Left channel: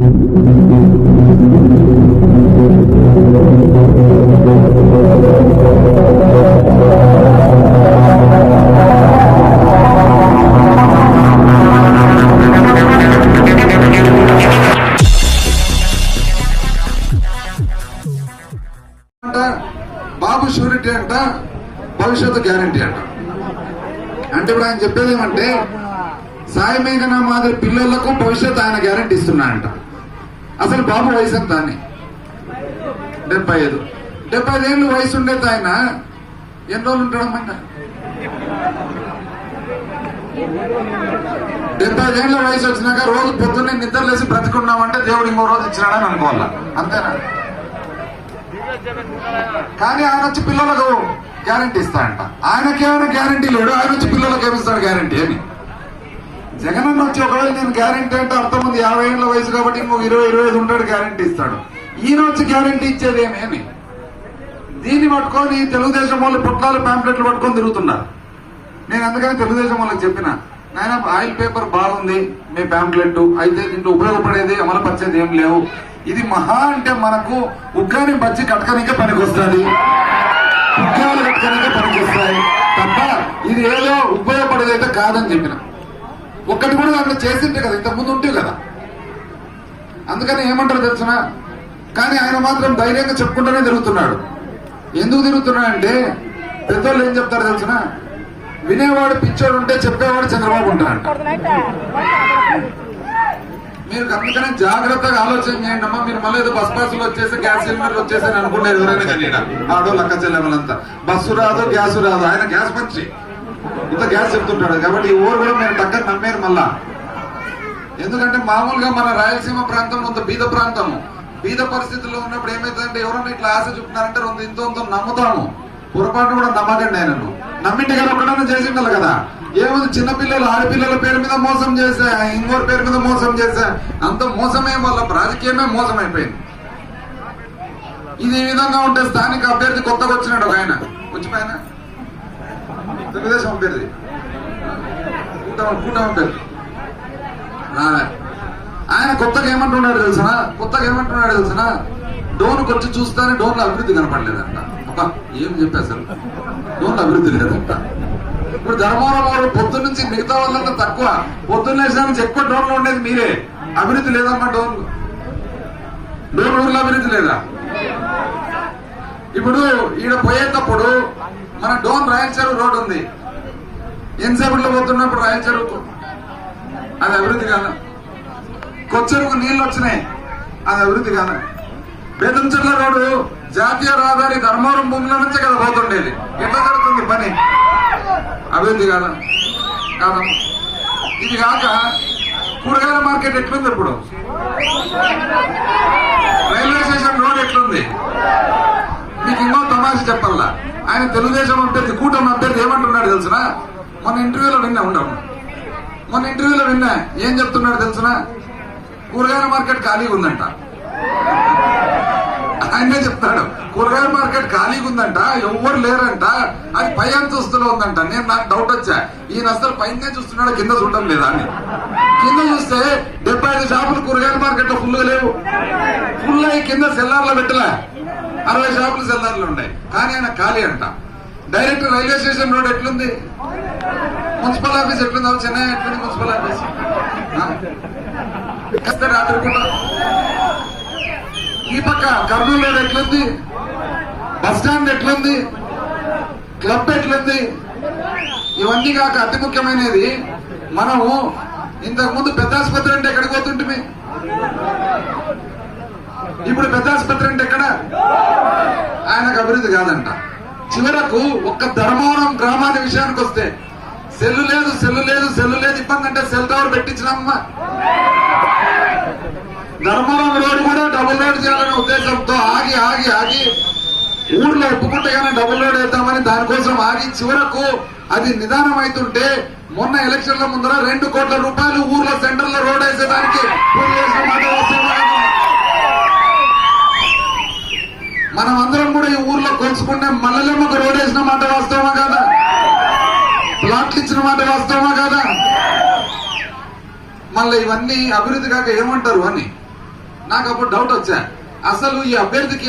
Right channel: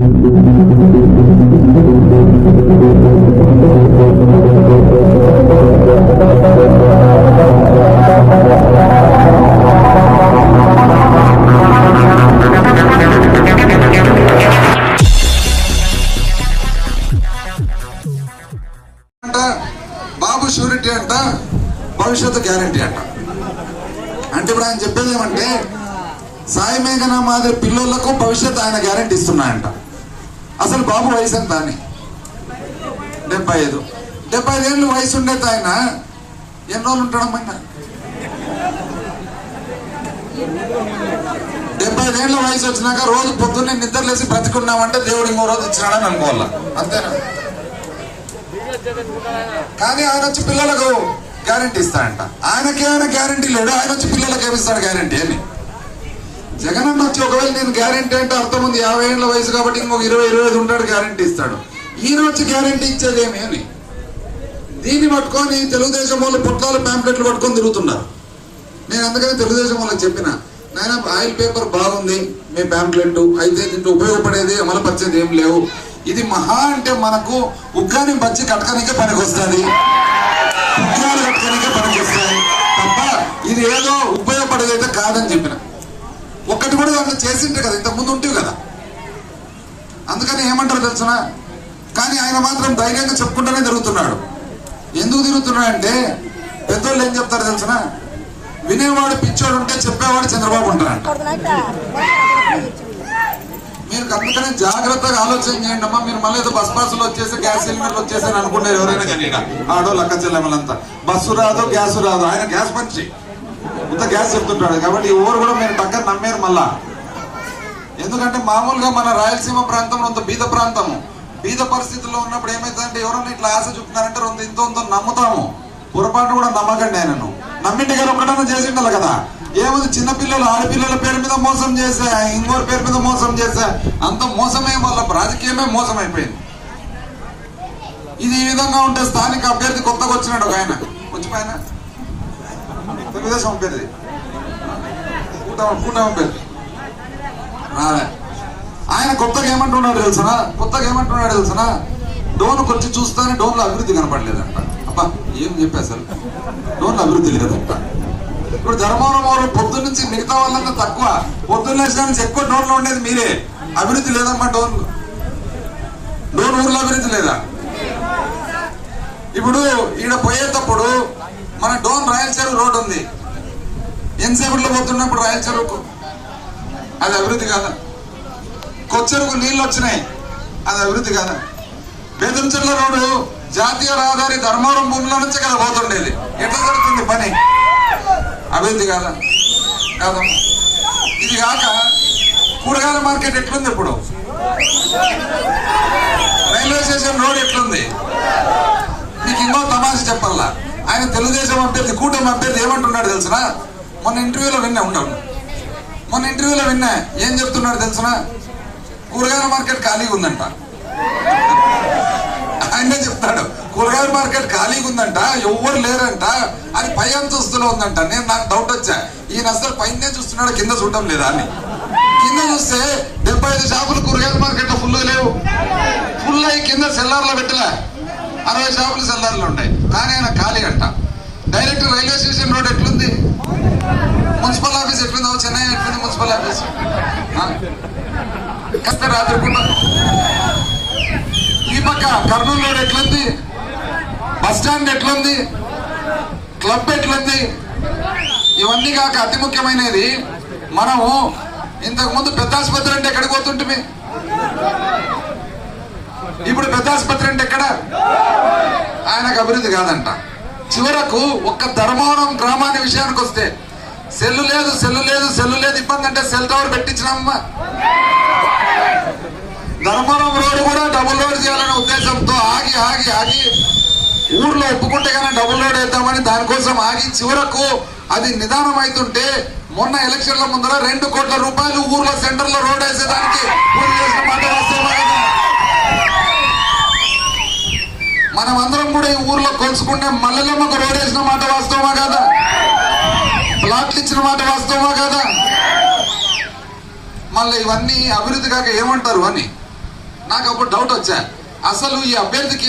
బాబు surety అంట, భవిష్యత్తు guarantee అంట. అంటే ఇప్పుడు ఆయన చెప్పేది ఏమంటే సాయి మేఘన మాదిరి పిల్లలకు భవిష్యత్తు ఆయన గ్యారంటీ ఇస్తున్నాయంట. అసలు బాబు వయసు ఎంత అని 75 ఏళ్ళు వయసు ఉండేది ఆయన ఎన్ని రోజులు ఉంటాడమ్మా? 75 ఏళ్ళ వయసు వచ్చినాక రోజు పొద్దున్నే నిద్రలేసి బ్రతికున్నామంటే దేవుడు ఇంకో రోజు ఇచ్చినాడని అనుకోవాలా, అంతేనా? కానీ ఆయన వచ్చి పిల్లలకు గ్యారంటీ ఇస్తాడంట. ఆయనకేమైనా గ్యారంటీ లేడు, ఆయన వచ్చి పిల్లలకు ఏమిస్తాడు గ్యారంటీ అని. జగన్ అన్న వచ్చి ఒకవేళ నేను గ్యారంటీ అంటే అర్థం ఉంది 50 ఏళ్ళ వయసు కాబట్టి ఇంకో 20-25 ఉంటాడు గ్యారంటీ ఇస్తాడు. ఈయన వచ్చి గ్యారంటీ ఇచ్చేది ఏమేమి? దీన్ని పట్టుకొని తెలుగుదేశం వాళ్ళు పుట్లాలు ప్యాంప్లెట్లు పట్టుకొని తిరుగుతున్నారు. నేను అందుకని తెలుగుదేశం వాళ్ళకి చెప్పిన, నాయన ఆయిల్ పేపర్ బాగుంది మీ ప్యాంప్లెట్ అయితే, దీంట్లో ఉపయోగపడేది అమలుపరిచేది ఏం లేవు. ఇది మహా అంటే మనకు ఉగ్గాని బజ్జి కట్టకనికే పనికి వస్తుంది, ఉగ్గాలు కట్టకనికే పనికి వస్తాయి తప్ప ఇది ఏదో ఉపయోగపడేది అయితే కాదని చెప్పిన. ఒక్కటి కూడా దాంట్లో చేసింటే కదా, ఇంతకుముందు ఉంటే కదా. అందుకని ఏమంటారు తెలిసిన, కానీ ఆయన మాత్రం ధైర్యంగా చెప్పుకుంటూనే తిరుగుతున్నాడు. ఎందుకు తిరుగుతున్నాడంటే పెద్దోళ్ళు ఏం చెప్తారు తెలిసిన, వినేవాడు పిచ్చోడు ఉంటే చెప్పేవాడు చంద్రబాబు ఉంటారంట. మీరు అందుకనే జాగ్రత్తగా ఆలోచన చేయండి అమ్మా. మీరు మళ్ళీ ఏదో బస్ పాసులు వచ్చేసి గ్యాస్ సిలిండర్లు వచ్చేసి అనుకున్నారు ఎవరైనా కానీ, ఆడో లక్క చెల్లెమ్మలంతా. బస్సు రాదు గ్యాస్ రాదు, ఆయన గ్యాస్ పంచి ఇంత గ్యాస్ చెప్తుంటాడు. కాబట్టి ఈ ఊరు కూడా మీరు పక్కన నమ్మారు మళ్ళా. ఎందుకంటే మామూలుగా మన రాయలసీమ ప్రాంతం అంత బీద ప్రాంతము, బీద పరిస్థితుల్లో ఉన్నప్పుడు ఏమైతుందంటే ఎవరన్నా ఇట్లా ఆశ చూపుతున్నారంటే ఇంత నమ్ముతాము. పొరపాటు కూడా నమ్మకండి. ఆయనను నమ్మింటి గారు ఒక్కడన్నా చేసిండాలి కదా. ఏముంది, చిన్నపిల్లలు ఆడపిల్లల పేరు మీద మోసం చేశా, ఇంకోరి పేరు మీద మోసం చేశా, అంత మోసమే, వాళ్ళ రాజకీయమే మోసం అయిపోయింది. ఇది ఈ విధంగా ఉంటే స్థానిక అభ్యర్థి కొత్తగా వచ్చినాడు ఒక ఆయన, వచ్చిపోయిన తెలుగుదేశం అభ్యర్థి, కూటమి అభ్యర్థి రాలే. ఆయన కొత్తగా ఏమంటున్నాడు తెలుసనా, డోన్ వచ్చి చూస్తేనే డోన్లో అభివృద్ధి కనపడలేదంట. అబ్బా ఏం చెప్పేశారు, డోన్లో అభివృద్ధి లేదంట. ఇప్పుడు ధర్మవరం వారు పొద్దున్న నుంచి మిగతా వాళ్ళంతా తక్కువ, పొద్దున్న నుంచి ఎక్కువ డోన్లో ఉండేది మీరే. అభివృద్ధి లేదమ్మా, డోన్ ఊర్లో అభివృద్ధి లేదా? ఇప్పుడు ఈడ పోయేటప్పుడు మన డోన్ రాయల చెరువు రోడ్డు ఉంది, ఎంతసేపట్లో పోతున్నప్పుడు రాయల చెరువుకు, అది అభివృద్ధి కాదా? కొచ్చెరుకు నీళ్ళు వచ్చినాయి, అది అభివృద్ధి కాదా? బెదంచెర్ల రోడ్డు జాతీయ రహదారి ధర్మవరం భూముల నుంచే కదా పోతుండేది, ఎట్లా జరుగుతుంది పని? అభివృద్ధి కాదా? కాదమ్మా. ఇది కాక కూరగాయల మార్కెట్ ఎట్లుంది, ఇప్పుడు రైల్వే స్టేషన్ రోడ్ ఎట్లుంది? మీకు ఇంకో తమాషా చెప్పాలా, ఆయన తెలుగుదేశం అభ్యర్థి కూటమి అభ్యర్థి ఏమంటున్నాడు తెలుసిన? మొన్న ఇంటర్వ్యూలో విన్నా ఏం చెప్తున్నాడు తెలుసిన? కూరగాయల మార్కెట్ ఖాళీగా ఉందంట. ఆయనే చెప్తాడు కూరగాయల మార్కెట్ ఖాళీగా ఉందంట, ఎవరు లేరంట, అది పై అంతస్తులో ఉందంట. నాకు డౌట్ వచ్చా, ఈయన అసలు పైనే చూస్తున్నాడు, కింద చూడడం లేదా అని. కింద చూస్తే 75 షాపులు కూరగాయల మార్కెట్ ఫుల్గా లేవు, ఫుల్ అయ్యి కింద సెల్లార్లో పెట్టలే, 60 షాపులు సెల్లార్లు ఉన్నాయి. కానీ ఆయన ఖాళీ అంట. డైరెక్ట్ రైల్వే స్టేషన్ రోడ్ ఎట్లుంది, మున్సిపల్ ఆఫీస్ ఎట్లుందో, చెన్నై ఎట్లుంది మున్సిపల్ ఆఫీస్, రాత్రి కూడా. ఈ పక్క కర్నూలు రోడ్ ఎట్లుంది, బస్ స్టాండ్ ఎట్లుంది, క్లబ్ ఎట్లుంది. ఇవన్నీ కాక అతి ముఖ్యమైనది, మనము ఇంతకు ముందు పెద్ద ఆసుపత్రి అంటే ఎక్కడికి పోతుంటే, ఇప్పుడు పెద్ద ఆసుపత్రి అంటే ఎక్కడ? ఆయనకు అభివృద్ధి కాదంట. చివరకు ఒక్క ధర్మవరం గ్రామాన్ని విషయానికి వస్తే సెల్లు లేదు ఇబ్బంది అంటే సెల్ టవర్ పెట్టించినామమ్మా. ధర్మవరం రోడ్డు కూడా డబుల్ రోడ్ చేయాలనే ఉద్దేశంతో ఆగి ఊర్లో ఒప్పుకుంటే కానీ డబుల్ రోడ్ వేద్దామని దానికోసం ఆగి చివరకు అది నిదానం అవుతుంటే మొన్న ఎలక్షన్ల ముందర 2 కోట్ల రూపాయలు ఊర్లో సెంటర్ లో రోడ్ వేసేదానికి మాట వాస్తవమా? మనం అందరం కూడా ఈ ఊర్లో కొలుసుకుంటే మల్లెమ్మకు రోడ్ వేసిన మాట వాస్తవమా కాదా? ప్లాట్లు ఇచ్చిన మాట వాస్తవమా కాదా? మళ్ళీ ఇవన్నీ అభివృద్ధి కాక ఏమంటారు అని నాకు అప్పుడు డౌట్ వచ్చా, అసలు ఈ అభ్యర్థికి